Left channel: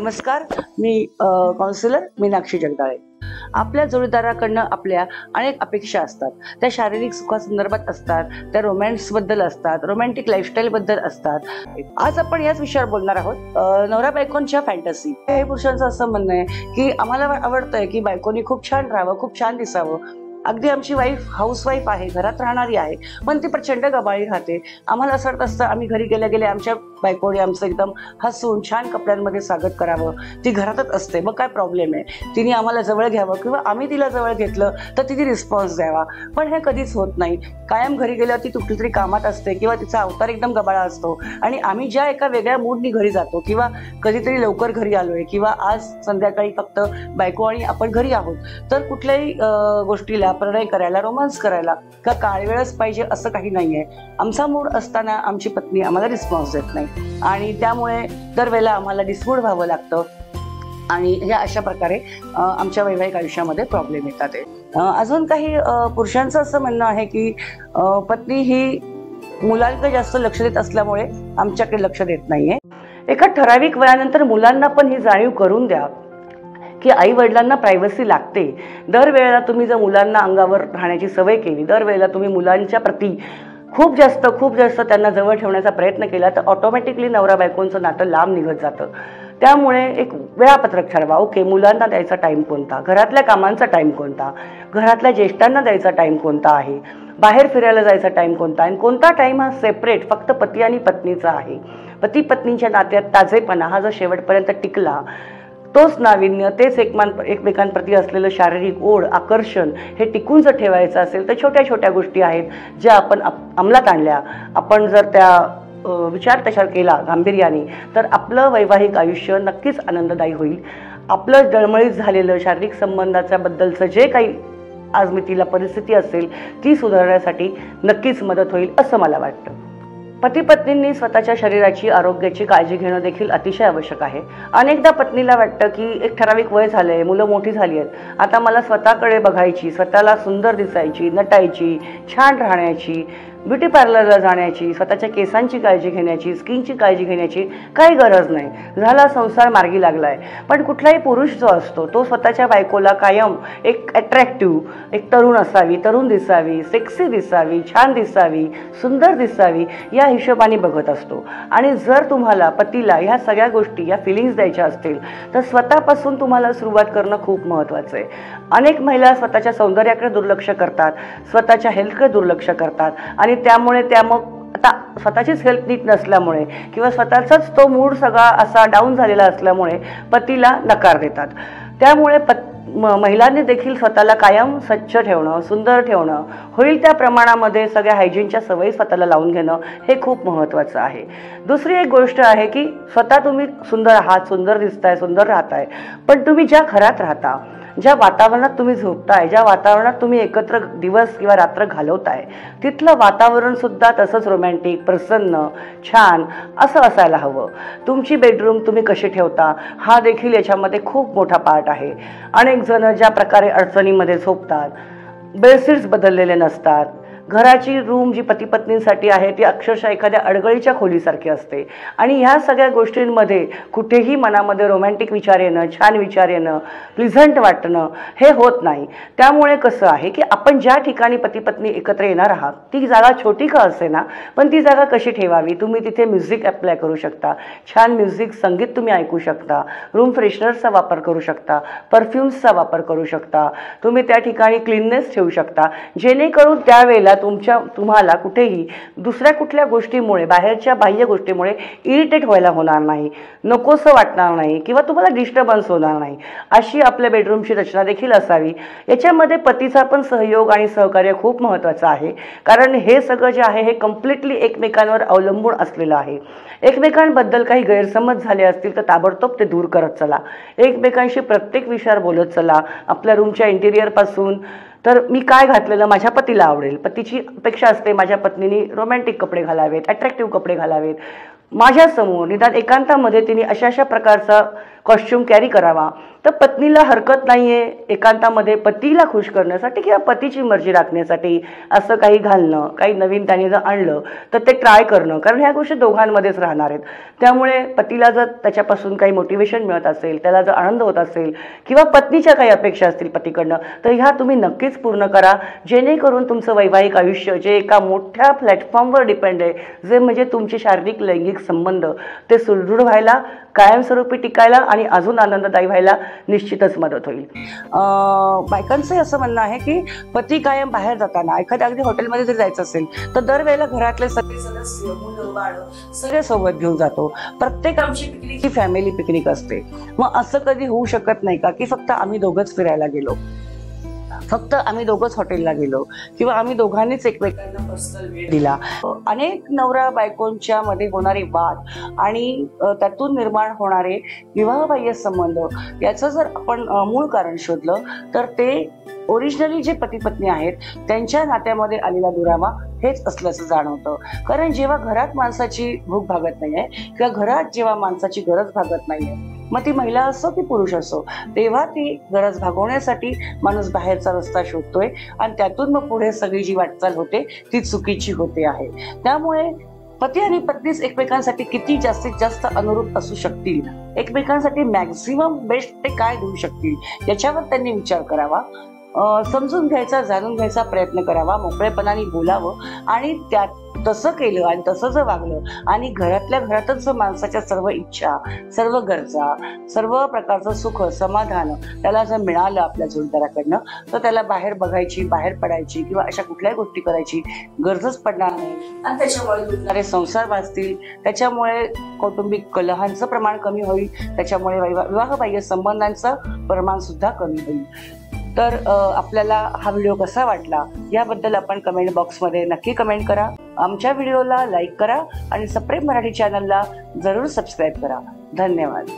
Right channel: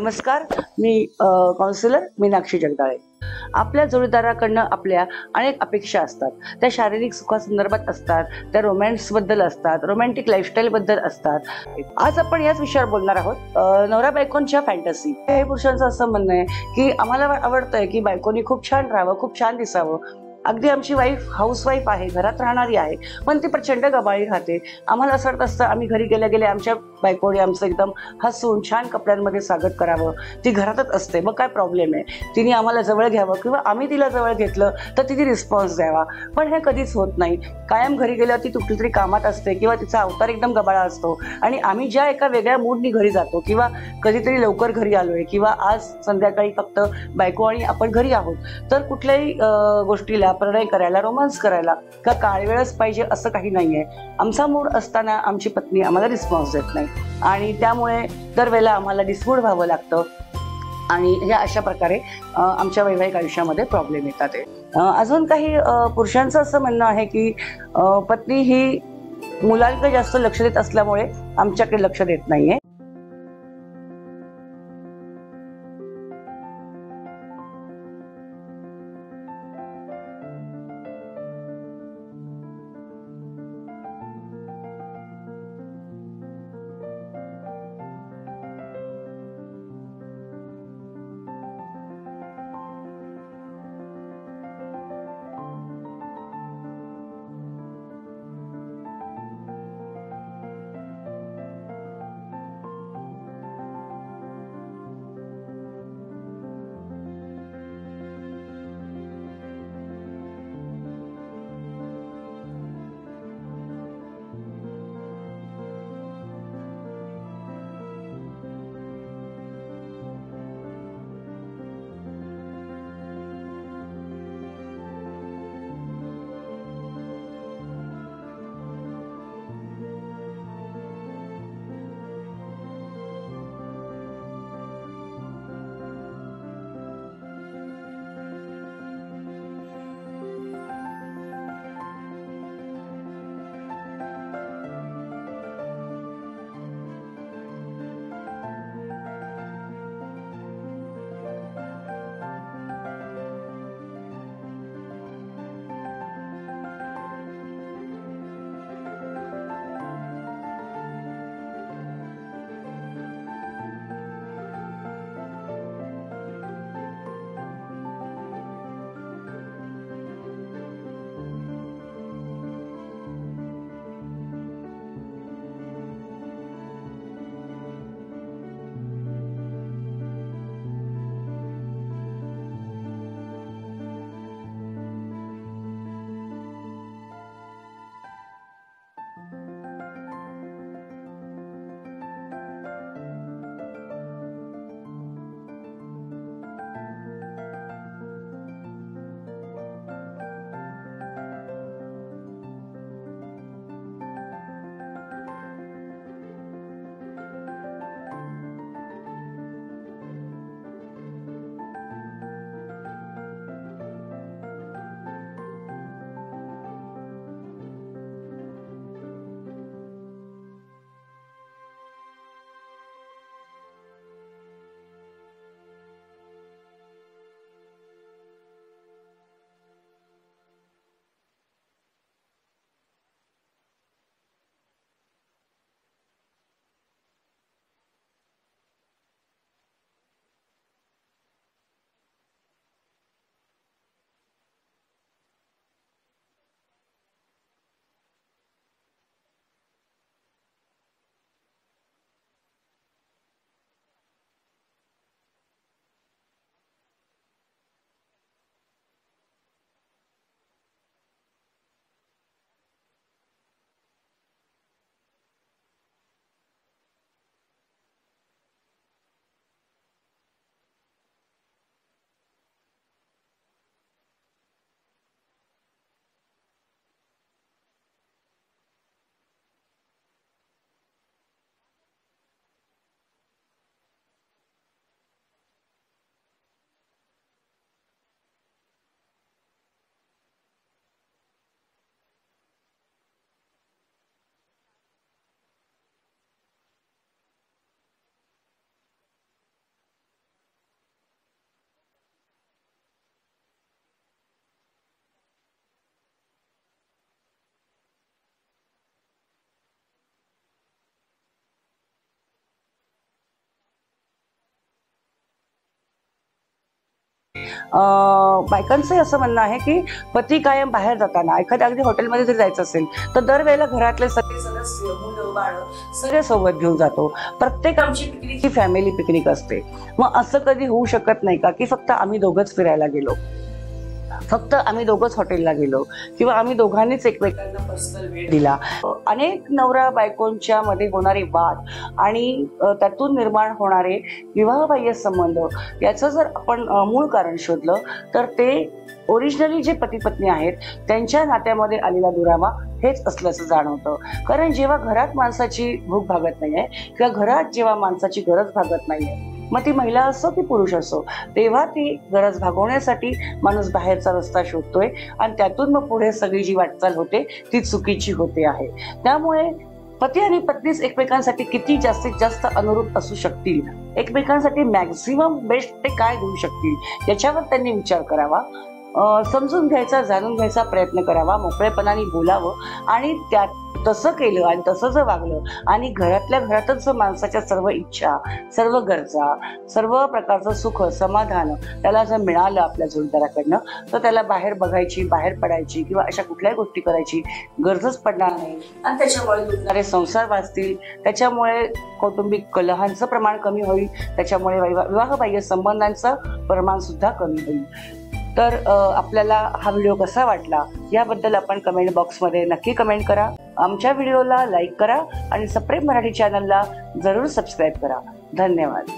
नमस्कार, मी काउन्सिलर मीनाक्षी जगदाळे. आपल्या जोडीदाराकडनं आपल्या अनेक अपेक्षा असतात. त्या शारीरिक सुखासंदर्भात असतात, त्या रोमॅन्सबद्दल असतात, रोमॅन्टिक लाईफस्टाईलबद्दल असतात. आज आपण याच विषयावर बोलणार आहोत. नवरा बायकोंच्या फॅन्टसी. काही पुरुषांचं असं म्हणणं आहे की आम्हाला आवडतंय की बायकोनी खूप छान राहावं, खूप छान दिसावं. अगदी आमची वाईफ हाऊसवाईफ आहे, घरात राहणारी आहे, पण ती प्रचंड गबाळी राहते. आम्हाला असं वाटत असतं आम्ही घरी गेल्या गेल्या आमच्या बायकोने आमचं एकदम हसून छान कपड्यांमध्ये स्वागत करावं. ती घरातच असते, मग काय प्रॉब्लेम आहे? तिने आम्हाला जवळ घ्यावं किंवा आम्ही तिला जवळ घेतलं तर तिने रिस्पॉन्स द्यावा. पण हे कधीच होत नाही. कायम घरी गेल्यावर ती कुठली तरी कामात असते किंवा तिचा अवतार एकदम गबाळा असतो आणि आम्ही ज्या एका वेगळ्या मूडनी घरी जातो किंवा कधीतरी लवकर घरी आलोय किंवा आज संध्याकाळी फक्त बायको आणि आपण घरी आहोत, तर कुठल्याही गोष्टीला प्रणय करायला, रोमांस करायला का काळ वेळच पाहिजे असं काही नाहीये. आमचा मूड असताना आमची पत्नी आम्हाला रिस्पॉन्स देत नाही आणि त्यामुळे दरवेळेला आम्हाला डिसमूड व्हावं लागतं आणि ह्या अशा प्रकारे आमच्या वैवाहिक आयुष्यामध्ये प्रॉब्लेम येतात. अजून काही पुरुषांचं असं म्हणणं आहे की पत्नी ही मुलांकडे जास्त लक्ष देत असल्यामुळे आमच्याकडे लक्ष देत नाहीये. एका ठराविक वयानंतर मुलांना पण ही जाणीव करून द्या की आई वडिलांना प्रायव्हसी लागते. दरवेळेला तुम्ही जर मुलांना अंगावर राहण्याची सवय केली, दरवेळेला तुम्ही मुलांच्या प्रती खूप जास्त त्यांना जवळ ठेवण्याचा प्रयत्न केला तर ऑटोमॅटिकली नवरा बायकोंचं नातं लांब निघत जातं. त्यामुळे एक वेळापत्रक ठरवा. ओके, मुलांना द्यायचा टाईम कोणता, घरातल्या कामांचा टाईम कोणता, घरातल्या ज्येष्ठांना द्यायचा टाईम कोणता आहे, बाहेर फिरायला जायचा टाईम कोणता आणि कोणता टाईम हा सेपरेट फक्त पती आणि पत्नीचा आहे. पती पत्नीच्या नात्यात ताजेपणा हा जर शेवटपर्यंत टिकला, तोच नाविन्य, तेच एकमेकांप्रती असलेलं शारीरिक ओढ, आकर्षण हे टिकून जर ठेवायचं असेल तर छोट्या छोट्या गोष्टी आहेत ज्या आपण अंमलात आणल्या, आपण जर त्या विचार तशा केला गांभीर्याने, तर आपलं वैवाहिक आयुष्य नक्कीच आनंददायी होईल. आपलं डळमळीत झालेलं शारीरिक संबंधाच्या बद्दलचं जे काही आजमितीला परिस्थिती असेल ती सुधारण्यासाठी नक्कीच मदत होईल असं मला वाटतं. पती पत्नींनी स्वतःच्या शरीराची, आरोग्याची काळजी घेणं देखील अतिशय आवश्यक आहे. अनेकदा पत्नीला वाटतं की एक ठराविक वय झालंय, मुलं मोठी झाली आहेत, आता मला स्वतःकडे बघायची, स्वतःला सुंदर दिसायची, नटायची, छान राहण्याची, ब्युटी पार्लरला जाण्याची, स्वतःच्या केसांची काळजी घेण्याची, स्किनची काळजी घेण्याची काही गरज नाही. झाला संसार मार्गी लागलाय. पण कुठलाही पुरुष जो असतो तो स्वतःच्या बायकोला कायम एक अट्रॅक्टिव्ह, एक तरुण असावी, तरुण दिसावी, सेक्सी दिसावी, छान दिसावी, सुंदर दिसावी या हिशोबाने बघत असतो. आणि जर तुम्हाला पतीला ह्या सगळ्या गोष्टी, या फिलिंग्स द्यायच्या असतील तर स्वतःपासून तुम्हाला सुरुवात करणं खूप महत्त्वाचं आहे. अनेक महिला स्वतःच्या सौंदर्याकडे दुर्लक्ष करतात, स्वतःच्या हेल्थकडे दुर्लक्ष करतात आणि त्यामुळे मग आता स्वतःचीच हेल्थ नीट नसल्यामुळे किंवा स्वतःचाच तो मूड सगळा असा डाऊन झालेला असल्यामुळे पतीला नकार देतात. त्यामुळे महिलांनी देखील स्वतःला कायम स्वच्छ ठेवणं, सुंदर ठेवणं, होईल त्या प्रमाणामध्ये सगळ्या हायजीनच्या सवयी स्वतःला लावून घेणं हे खूप महत्त्वाचं आहे. दुसरी एक गोष्ट आहे की स्वतः तुम्ही सुंदर आहात, सुंदर दिसताय, सुंदर राहताय, पण तुम्ही ज्या घरात राहता, ज्या वातावरणात तुम्ही झोपताय, ज्या वातावरणात तुम्ही एकत्र दिवस किंवा रात्र घालवताय, तिथलं वातावरण सुद्धा तसंच रोमॅन्टिक, प्रसन्न, छान असं असायला हवं. तुमची बेडरूम तुम्ही कशी ठेवता हा देखील याच्यामध्ये खूप मोठा पार्ट आहे. अनेक जण ज्या प्रकारे अडचणीमध्ये झोपतात, बेडशीट्स बदललेले नसतात, घराची रूम जी पती पत्नींसाठी आहे ती अक्षरशः एखाद्या अडगळीच्या खोलीसारखी असते आणि ह्या सगळ्या गोष्टींमध्ये कुठेही मनामध्ये रोमॅन्टिक विचार येणं, छान विचार येणं, प्लिझंट वाटणं हे होत नाही. त्यामुळे कसं आहे की आपण ज्या ठिकाणी पती पत्नी एकत्र येणार आहात ती जागा छोटी का असेना, पण ती जागा कशी ठेवावी, तुम्ही तिथे म्युझिक अप्लाय करू शकता, छान म्युझिक, संगीत तुम्ही ऐकू शकता, रूम फ्रेशनर्सचा वापर करू शकता, परफ्युम्सचा वापर करू शकता, तुम्ही त्या ठिकाणी क्लीननेस ठेवू शकता, जेणेकरून त्यावेळेला तुम्हाला कुठेही दुसऱ्या कुठल्या गोष्टीमुळे, बाहेरच्या बाह्य गोष्टीमुळे इरिटेट व्हायला होणार नाही, नकोसं वाटणार नाही किंवा तुम्हाला डिस्टर्बन्स होणार नाही. अशी आपल्या बेडरूमची रचना देखील असावी. याच्यामध्ये पतीचा पण सहयोग आणि सहकार्य खूप महत्त्वाचं आहे, कारण हे सगळं जे आहे हे कम्प्लिटली एकमेकांवर अवलंबून असलेलं आहे. एकमेकांबद्दल काही गैरसमज झाले असतील तर ताबडतोब ते दूर करत चला. एकमेकांशी प्रत्येक विषयावर बोलत चला. आपल्या रूमच्या इंटिरियरपासून तर मी काय घातलेलं माझ्या पतीला आवडेल, पतीची अपेक्षा असते माझ्या पत्नीने रोमॅन्टिक कपडे घालावेत, अट्रॅक्टिव्ह कपडे घालावेत, माझ्यासमोर निदान एकांतामध्ये तिने अशा प्रकारचा कॉस्ट्युम कॅरी करावा, तर पत्नीला हरकत नाहीये एकांतामध्ये पतीला खुश करण्यासाठी किंवा पतीची मर्जी राखण्यासाठी असं काही घालणं, काही नवीन त्याने जर आणलं तर ते ट्राय करणं, कारण ह्या गोष्टी दोघांमध्येच राहणार आहेत. त्यामुळे पतीला जर त्याच्यापासून काही मोटिवेशन मिळत असेल, त्याला जर आनंद होत असेल किंवा पत्नीच्या काही अपेक्षा असतील पतीकडनं, तर ह्या तुम्ही नक्कीच पूर्ण करा, जेणेकरून तुमचं वैवाहिक आयुष्य जे एका मोठ्या प्लॅटफॉर्मवर डिपेंड आहे, जे म्हणजे तुमचे शारीरिक लैंगिक संबंध, ते सुदृढ व्हायला, कायमस्वरूपी टिकायला आणि अजून आनंददायी व्हायला निश्चितच मदत होईल. बायकांचं असं म्हणणं आहे की पती कायम बाहेर जाताना एखाद्या अगदी हॉटेलमध्ये जर जायचं असेल तर दरवेळेला घरातले सगळे सदस्य, मुलं बाळं सगळे सोबत घेऊन जातो. प्रत्येक आमची पिकनिक ही फॅमिली पिकनिक असते. मग असं कधी होऊ शकत नाही का की फक्त आम्ही दोघंच फिरायला गेलो, फक्त आम्ही दोघंच हॉटेलला गेलो किंवा आम्ही दोघांनीच एकमेकांना पर्सनल वेळ दिला. अनेक नवरा बायकोंच्या मध्ये होणारे वाद आणि त्यातून निर्माण होणारे विवाहबाह्य संबंध, याचं जर आपण मूळ कारण शोधलं तर ते ओरिजिनली जे पती पत्नी आहेत त्यांच्या नात्यामध्ये आलेला दुरावा हेच असल्याचं जाणवतं. कारण जेव्हा घरात माणसाची भूक भागत नाहीये किंवा घरात जेव्हा माणसाची गरज भागत नाहीये, मग ती महिला असो की पुरुष असो, तेव्हा ती गरज भागवण्यासाठी माणूस बाहेरचा रस्ता शोधतोय आणि त्यातून मग पुढे सगळी जी वाटचाल होते ती चुकीची होते आहे. त्यामुळे पती आणि पत्नीच एकमेकांसाठी किती जास्तीत जास्त अनुरूप असू शकतील, एकमेकांसाठी मॅक्झिमम बेस्ट ते काय देऊ शकतील याच्यावर त्यांनी विचार करावा, समजून घ्यायचा, जाणून घ्यायचा प्रयत्न करावा, मोकळेपणाने बोलावं आणि त्यात तसं केलं आणि तसं जर वागलं आणि घरातल्या घरातच जर माणसाच्या सर्व इच्छा, सर्व गरजा, सर्व प्रकारचं सुख समाधान त्याला जर मिळालं आपल्या जोडीदाराकडनं, तर त्याला बाहेर बघायची, बाहेर पडायची किंवा अशा कुठल्याही गोष्टी करायची गरजच पडणार नाही आणि त्याच्यामुळे जुळणारे संसार वाचतील, त्याच्यामुळे कौटुंबिक कलहांचं प्रमाण कमी होईल, त्याच्यामुळे विवाहबाह्य संबंधांचं प्रमाण सुद्धा कमी होईल. तर आपल्याला हा व्हिडिओ कसा वाटला याबद्दल आपण कमेंट बॉक्समध्ये नक्की कमेंट करा. आमच्या व्हिडिओला लाईक करा आणि सप्रेम मराठी चॅनलला जरूर सबस्क्राईब करा. धन्यवाद.